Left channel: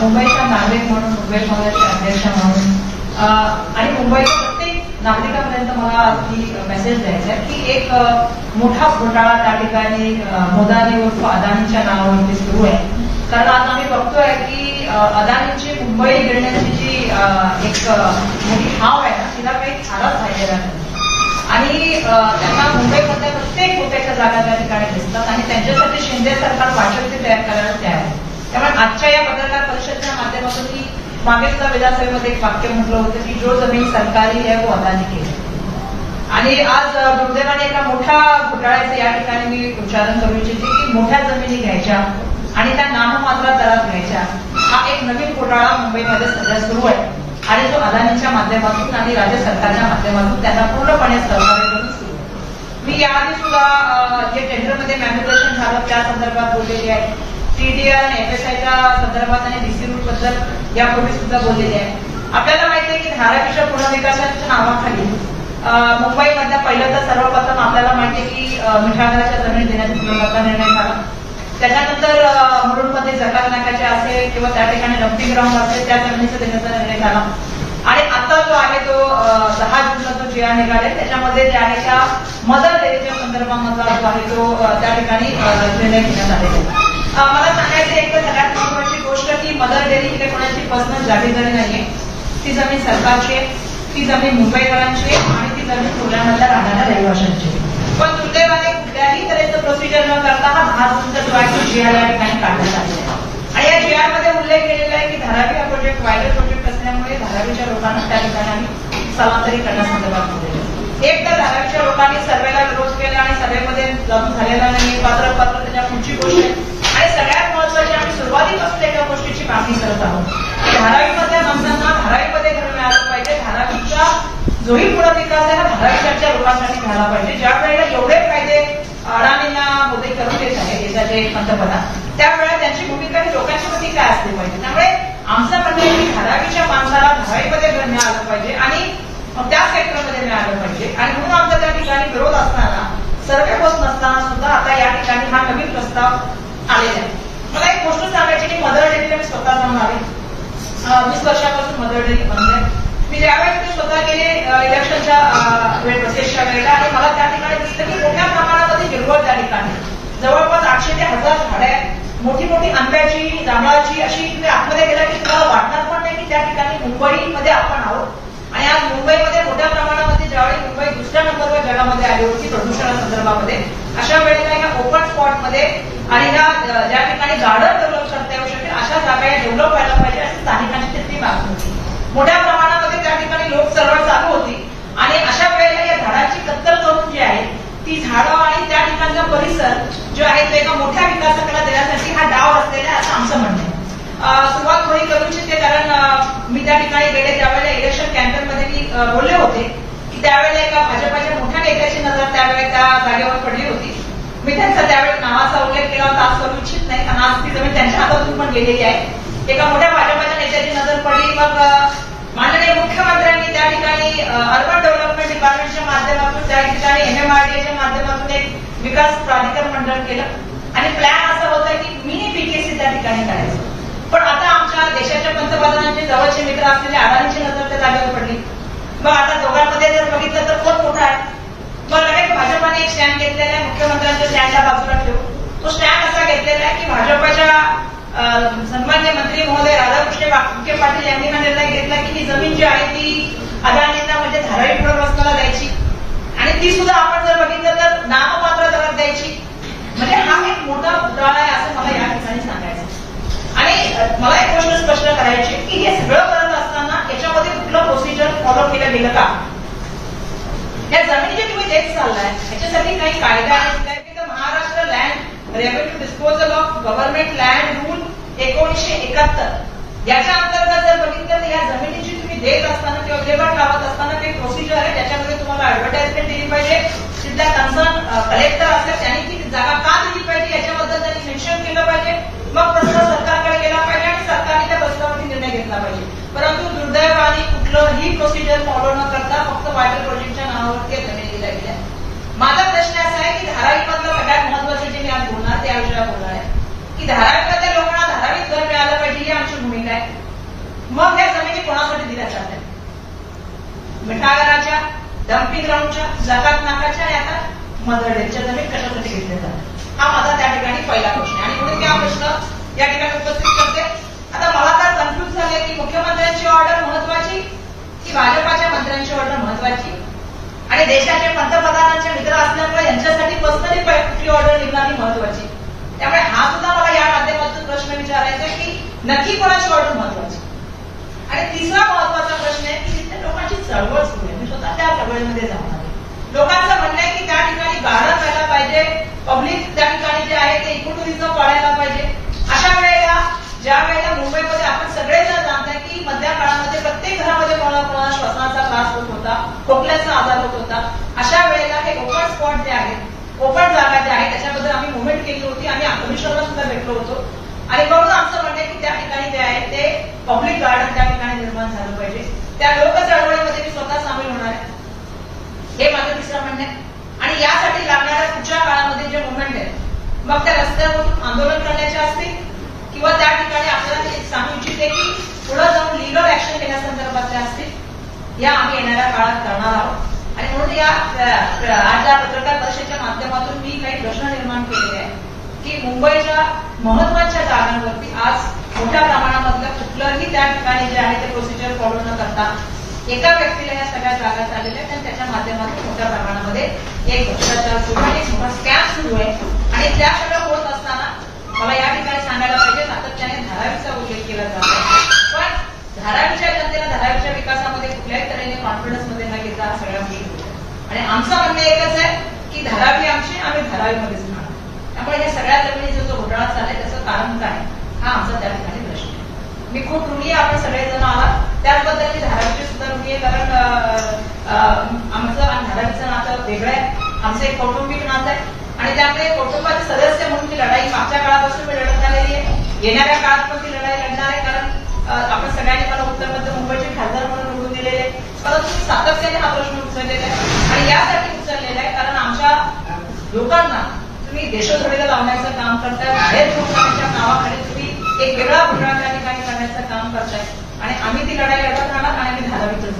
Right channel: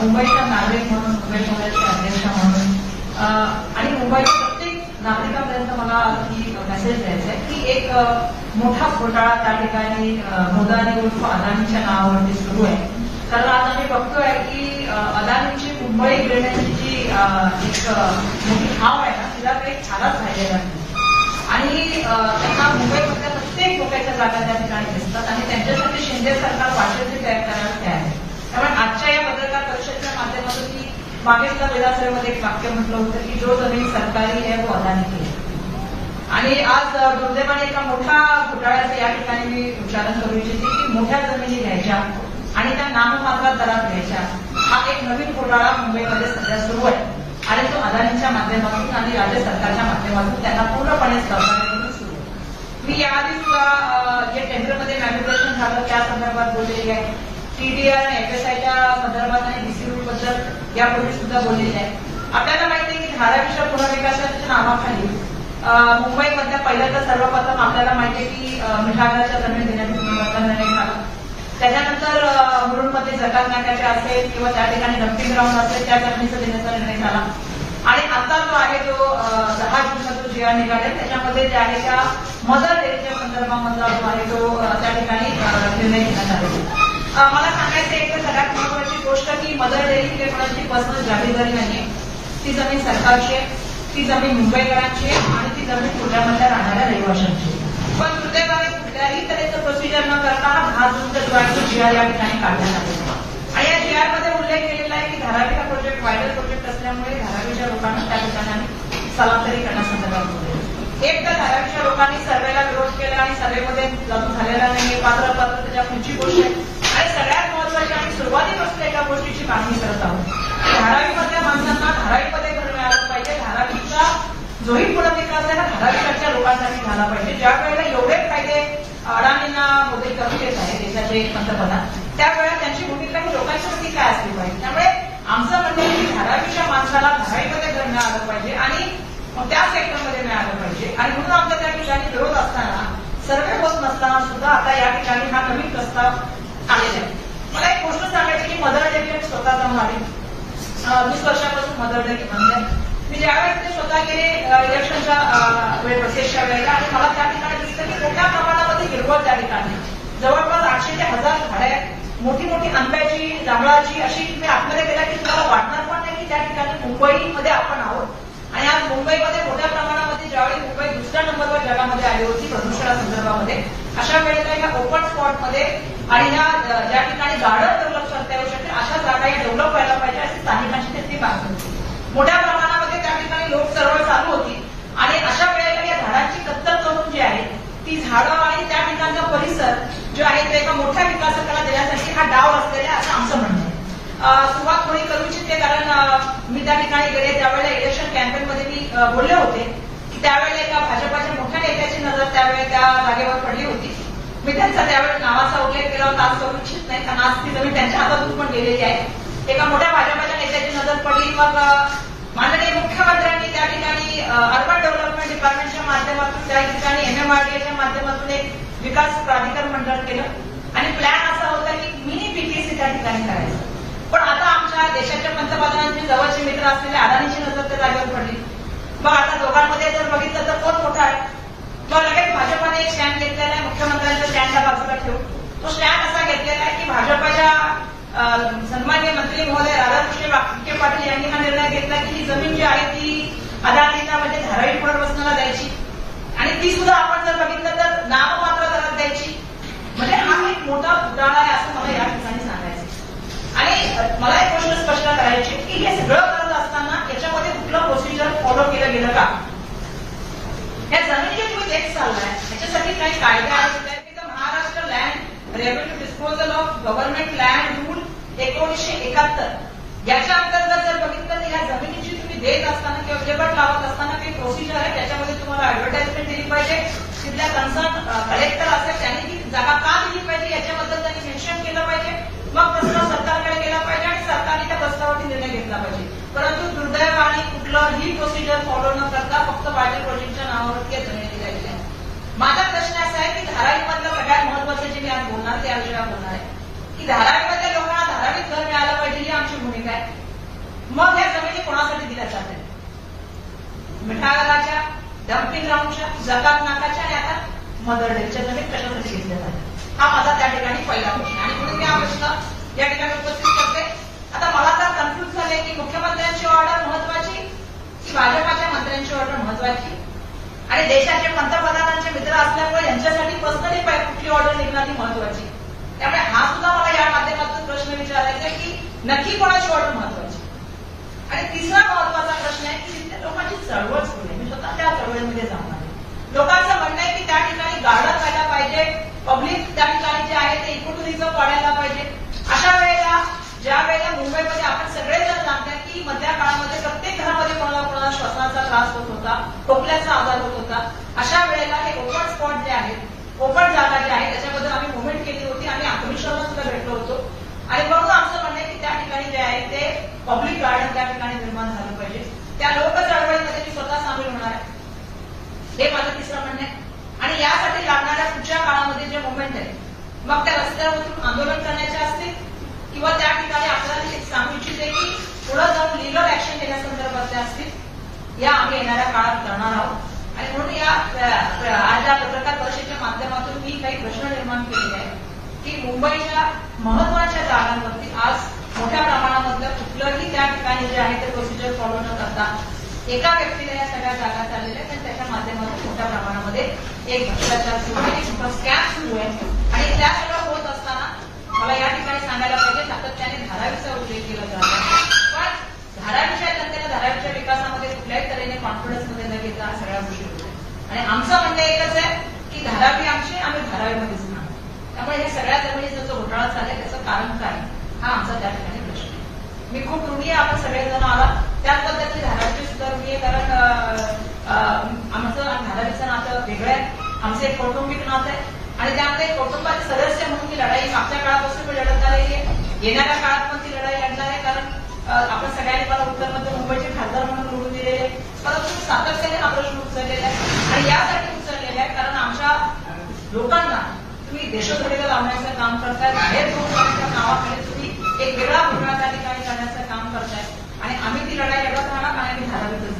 मुंबईचा नागरिक म्हणून, मुंबई शहराचे अध्यक्ष म्हणून आणि मुंबईच्या प्रत्येक नागरिकांपर्यंत मला ती मेसेज द्यायचा आहे की एक मोठा घोटाळा त्या ठिकाणी मोदानी उर्फ अदानीच्या नावावरती सुरू आहे. कारण आज आम्ही बघतोय की अदानीची मुंबई गिळण्याची जी एक मोठी हाव आहे ना, तिला काही थाराच राहिलेला नाही आणि त्यांना मुंबईमधल्या प्रत्येक मोठ्याच्या जागा त्या ठिकाणी दिसतात आणि त्यांच्यासाठी शिंदे सरकार भाषण ते तयार करायला तयार आहे. त्यामुळे आजच्या या पत्रकार परिषदेच्या माध्यमातून मी मागेच विधानसभेमध्ये एक वाक्य म्हटलं होतं की जो जमीन सरकारी आहे वो अदानी की आहे. आणि आज दुर्दैवाने एका मोठ्या घोटाळ्याचं या ठिकाणी मी उच्चारण करू इच्छिते की मोठ्या जमिनी घ्यायच्या आणि त्या नाममात्र दरात घ्यायच्या, हा एक नवीन घोटाळा मुंबईमध्ये सध्या सुरू आहे आणि तो अदानीच्या माध्यमातून आणि राज्य सरकारच्या माध्यमातून त्यांना पूर्णपणे सहकार्य करून सुरू आहे. मी याआधी सुद्धा जे टेंडरमध्ये मॅन्युप्युलेशन झालं त्या संदर्भात बोललेली आहे, टीडीआर आणि एफएसआयच्या संदर्भात आणि डीसी रूट बद्दल यापूर्वी सुद्धा बोललेले आहे. आपल्याला माहिती आहे की धारावीच्या पुनर्विकासाच्या नावाखाली मुंबईमधल्या पहिलं तर सर्वप्रथम आपल्याला माहिती आहे की मिठागराच्या जमिनी देण्याचा निर्णय झाला. त्याच्यानंतर मुरुडमध्ये जकात नाक्याच्या असेल किंवा त्या ठिकाणी डम्पिंग ग्राउंड असेल त्या जमिनीचा देण्याचा निर्णय झाला आणि आता जो आहे तो 10 जूनला जो जी आर निघाले त्याच्यामध्ये जे आहे त्या मदर डेअरीच्या संदर्भामधला जो आहे तो त्या ठिकाणी निर्णय घेण्यात आलेला आहे. मला सांगायचं एक तर सगळ्यात महत्वाची गोष्ट की मदर डेअरी ही कोणाची पर्सनल जागीरदारी नाहीये. ती जमीन सरकारची आहे, ती जमीन मुंबईकरांची आहे आणि ती जमीन पुण्यामधल्या राहणाऱ्या रहिवाशांची आहे. पण दुर्दैवाने कुठल्याही तऱ्हेचं प्रोसिजर न करता हा 10 जूनचा जो आहे तो जीआर या ठिकाणी काढण्यात आलेला आहे आणि या जीआरमध्ये उल्लेख केलेला आहे की धारावी हा प्रोजेक्ट वायडर प्रोजेक्ट असल्यामुळे धारावीच्या लोकांना त्या ठिकाणी स्थलांतरित करण्यासंदर्भात बोललेलं आहे. एक तर धारावीच्या लोकांनी सर्वेला विरोध केला आणि सर्वेमध्ये लागू झालेला नाही, पात्र त्याच्या पुढची गोष्ट आहे आणि सगळ्यात महत्वाची आम्ही सुरुवातीपासून एका गोष्टीची मागणी करत आहोत की धारावीमधल्या माणसांना धारावीमध्ये घर मिळालं पाहिजे. धारावीचा जोही पुनर्विकास आहे हा धारावीच्या लोकांसाठी झाला पाहिजे. ज्या वेळेला एवढे फायदे अडाणींना मोदी करून देत आहे देशाचे पंतप्रधान, त्यावेळेला त्यांची भूमिका ही लोकांच्या प्रती काय असली पाहिजे. त्यामुळे आमचं म्हणणं आहे की धारावीच्या माणसाला धारावीमध्ये घर मिळालं पाहिजे आणि त्या सेक्टरमध्ये मिळालं पाहिजे आणि म्हणून आमचा त्या ठिकाणी विरोध असताना, सर्वे होत नसताना सुद्धा आता या ठिकाणी हा नवीन प्रस्ताव आलेला आहे. मला एक गोष्ट सांगायची की मदर डेअरीला मी स्वतः जाऊन आले. 20 वर्षापासून मदर डेअरी बंद आहे. मी ज्यावेळेस ते स्वतः गेले इलेक्शनच्या प्रोसेसच्या वेळेला आणि मला त्या ठिकाणी दिसलं की मोठ्या प्रमाणामध्ये हिरवळ त्या ठिकाणी जवळपास 800 ते 1000 झाडं आहेत, मोठी मोठी आंब्याची, जांभळाची, अशी तुम्ही आतमध्ये गेला की तुम्हाला वाटणार पण नाही की त्या ठिकाणी मुंबईमध्ये आपण आहोत. आणि आज मुंबईमध्ये मोठ्या प्रमाणामध्ये ज्यावेळी मुंबई दुसऱ्या नंबरवर जगामध्ये आली होती प्रदूषणासंदर्भामध्ये, अशा वेळेला ह्या ओपन स्पॉटमध्ये आणि ह्या ज्या ठिकाणी गार्डन डेव्हलप करता येऊ शकेल अशा जागा या डेव्हलप व्हायला पाहिजे अशी स्थानिकांची तिथली मागणी होती. मोठ्या प्रमाणामध्ये त्या ठिकाणी लोक चळवळ चालू होती आणि अशा वेळेला या झाडांची कत्तल करून जी आहे ती झाडं आणि त्या ठिकाणचा परिसर जो आहे तो एका मोठ्या विकासकाला देण्यासाठी हा डाव असलेला आहे असं आमचं म्हणणं आहे. सुरुवात थोडी करू इच्छिते कारण मी त्या ठिकाणी गेले त्यावेळेला इलेक्शन कॅम्पेनमध्ये मी बोलले होते की त्यावेळेला एका भाजपाच्या मोठ्या नेत्याची नजर त्यावेळेला त्या जागेवर पडली होती. मी त्यांचा त्यावेळेस नावाचा उल्लेख केला होता, आज करू इच्छित नाही कारण आज ती जमीन त्यांच्या हातातून पण गेलेली आहे. एका मोठ्या भाजपाच्या नेत्याची नजर पडली. मग माननीय मुख्यमंत्र्यांनी त्या ठिकाणी अर्बन डेव्हलपमेंट डिपार्टमेंटच्या माध्यमातून त्या ठिकाणी MMRDAच्या माध्यमातून एक विकास प्राधिकरण मंडळ केलं आणि प्लॅन असा होता की मिनी BKC त्या ठिकाणी करायचं. पण आता आमच्या देशाच्या पंतप्रधानांचे जवळचे मित्र असलेले अदानीची नजर त्या जागेवर पडली. मग आता दोघांमध्ये जर बघितलं तर कोण मोठा आहे. मग लगेच भाजपाने एक स्टँड घेतलेला आहे, मुख्यमंत्र्यांच्या स्टँडच्या बाजूला ठेवू. तो स्टँड असा घेतलेला आहे की भाजपाच्या सन्मान्य मंत्री महोदय राधाकृष्ण विखे पाटील यांनी हा निर्णय घेतला की ही जमीन जी आहे ती अदानींना म्हणजे धारावी पुनर्वसनाला द्यायची आणि ती सुद्धा आपण जर बघितलं तर नाममात्र दरात द्यायची. म्हणजे हा एक मोठा घोटाळा आहे असं मला या ठिकाणी सांगायचं. आणि मला एक प्रश्न स्पष्ट करायचे की हे सगळं करत असताना याच्यामध्ये कुठलं प्रोसिजर फॉलो केलं गेलं का. या जमिनी जे तुम्ही देत चाललाय याच्यासाठी काही कायदा आहेत. Maharashtra land revenue disposal of government land rule 1971 याच्या अंतर्गत जर बघितलं तर या जमिनीची तुम्ही देत असताना किंवा विल्हेवाट लावत असताना काही प्रोसिजर आहे. त्याच्यामध्ये तुम्हाला ऍडव्हर्टाइजमेंट दिली पाहिजे. तिथल्या कन्सर्न कलेक्टर असतात त्यांनी ती जागा का दिली पाहिजे याच्याबद्दल त्यांनी मेन्शन केलं पाहिजे. मग प्रस्ताव सरकारकडे गेला पाहिजे आणि सरकारने त्या प्रस्तावावरती निर्णय घेतला पाहिजे. परंतु दुर्दैवाने कुठलंही प्रोसिजर फॉलो न करता फक्त वायटर प्रोजेक्टच्या नावावरती जमीन दिल्या गेल्या. माझा प्रश्न असा आहे की धारावीमधलं सगळ्यात महत्वाचं जे मी आज बोलणार त्या विषयावर बोलणार आहे की धारावीमधल्या लोकांना धारावीत घर मिळालं पाहिजे ही आमची पार्श्वभूमीत आहे. मग या जमिनी कोणासाठी दिल्या जातात? मिठागराच्या, डम्पिंग ग्राउंडच्या, जकात नाकाच्या आणि आता मदरडेच्या जमीन कशासाठी घेतल्या जातात? हा माझा त्या ठिकाणी पहिला प्रश्न आहे आणि म्हणून मी हा प्रश्न या ठिकाणी उपस्थित करते. आता मला तर कन्फ्युज झाले की मुख्यमंत्र्यांची ऑर्डर महत्वाची की भाजपाच्या मंत्र्यांची ऑर्डर महत्वाची आणि देशाचे पंतप्रधानांचे मित्र असल्यामुळे यांच्यासाठी पर्सनली कुठली ऑर्डर निघणारी महत्वाची. त्यामुळे हा सुद्धा मला या माध्यमातून प्रश्न विचारायचा आहे की नक्की कोणाची ऑर्डर महत्वाची. आणि तिसरा महत्वाचा प्रश्न आहे की तिथल्या लोकांची चळवळ सुरू आहे. मी स्वतः त्या चळवळीमध्ये जाणार आहे. लोकांचं म्हणणं आहे की त्या ठिकाणी गार्डन व्हायला पाहिजे, पब्लिक त्या ठिकाणी जे आहे ते इकोटुरिझम वाढायला पाहिजे. अशा वेळेला ज्या वेळेला मुंबईमध्ये आपण सगळेजण जाणता की मधल्या काळामध्ये प्रत्येक घरामध्ये कोणाला श्वासाचा त्रास होत होता, खोकल्याचा आजार होत होता. अशा वेळेला हे ओपन स्पॉट जे आहेत, ओपन जागा ज्या आहेत त्याच्याबद्दल आम्ही मुवमेंट केली होती. आम्ही कमिशनरला सुद्धा भेटलो होतो आणि म्हणून आमचं म्हणणं आहे की त्या ठिकाणी जे आहे ते पब्लिक गार्डन त्या ठिकाणी निर्माण झालं पाहिजे. त्या लोक चळवळीमध्ये मी स्वतः सामील होणार आहे. हे माझं तिसरं म्हणणं आहे. आणि यासाठी लागणाऱ्या पुढच्या काळामध्ये जे मुवमेंट आहे मग त्या रस्त्यावरून आंदोलन करण्याचे असतील किंवा त्या ठिकाणी आपल्याला एक सांगू इच्छिते की पुढे जाऊन लिगल ऍक्शन घेण्यासंदर्भातल्या असतील या आम्ही येणाऱ्या काळात करणार आहोत. आणि म्हणून या आज या पत्रकार परिषदेच्या माध्यमातून मी काही प्रश्न निर्माण केले आहे की मुंबईच्या महत्वाच्या जागांवरती आज मोठ्या प्रमाणामधलं कुठलंही त्या ठिकाणी जे आहे ते प्रोसिजर फॉलो न करता एका व्यक्तीला या सगळ्या जागा चाललेल्या आहेत आणि त्याच्या माध्यमातून मोठ्या प्रमाणामध्ये एक भ्रष्टाचार सुरू आहे, एक स्कॅम सुरू आहे. आणि त्या सगळं होत असताना मला या ठिकाणी सांगायला पाहिजे सातत्याने धारावीचा उल्लेख केला जात आहे. पण धारावीच्या जनतेला धारावीच्या विकासामध्ये कुठल्याही तऱ्हेने कॉन्फिडन्समध्ये न घेता हा सगळ्या गोष्टी होत आणि आमचं म्हणणं एकच आहे की धारावी आमची, आम्ही धारावीमध्येच राहणार. त्यामुळे या सगळ्या जमिनीचा जो घोटाळा चाललाय त्याचं कारण काय हा आमचा त्या ठिकाणी प्रश्न आहे. मी खूप ऋणी आहे आपण सगळेजण आहात त्याबद्दलची धारावीची सुद्धा ऋणी आहे. कारण आमचं आणि धारावीचं नातं वेगळं आहे. आमचं एक कौटुंबिक नातं आहे आणि त्यामुळे कुटुंबाचे सदस्य म्हणून ती लढाई मागच्या काळापासून मी लढत आलेली आहे. येणाऱ्या काळात पण ती लढाई लढणार आहे. कारण आपण सगळ्यांनी मला उत्तर मध्य मुंबईचे खासदार म्हणून निवडून दिलेले, परंतु सातत्याने हा प्रश्न उचललेला आहे आणि यासाठी उचललेला आहे कारण आमच्या लोकांना तुम्ही देशोधडीला लावण्याचं काम करताय, बाहेर लोकांच्या नावाखाली तुम्ही एक वेगळा घोटाळा त्या ठिकाणी करण्याचं काम करताय आणि आम्ही ती लढाई लढत राहणार आणि आम्ही धारावीतच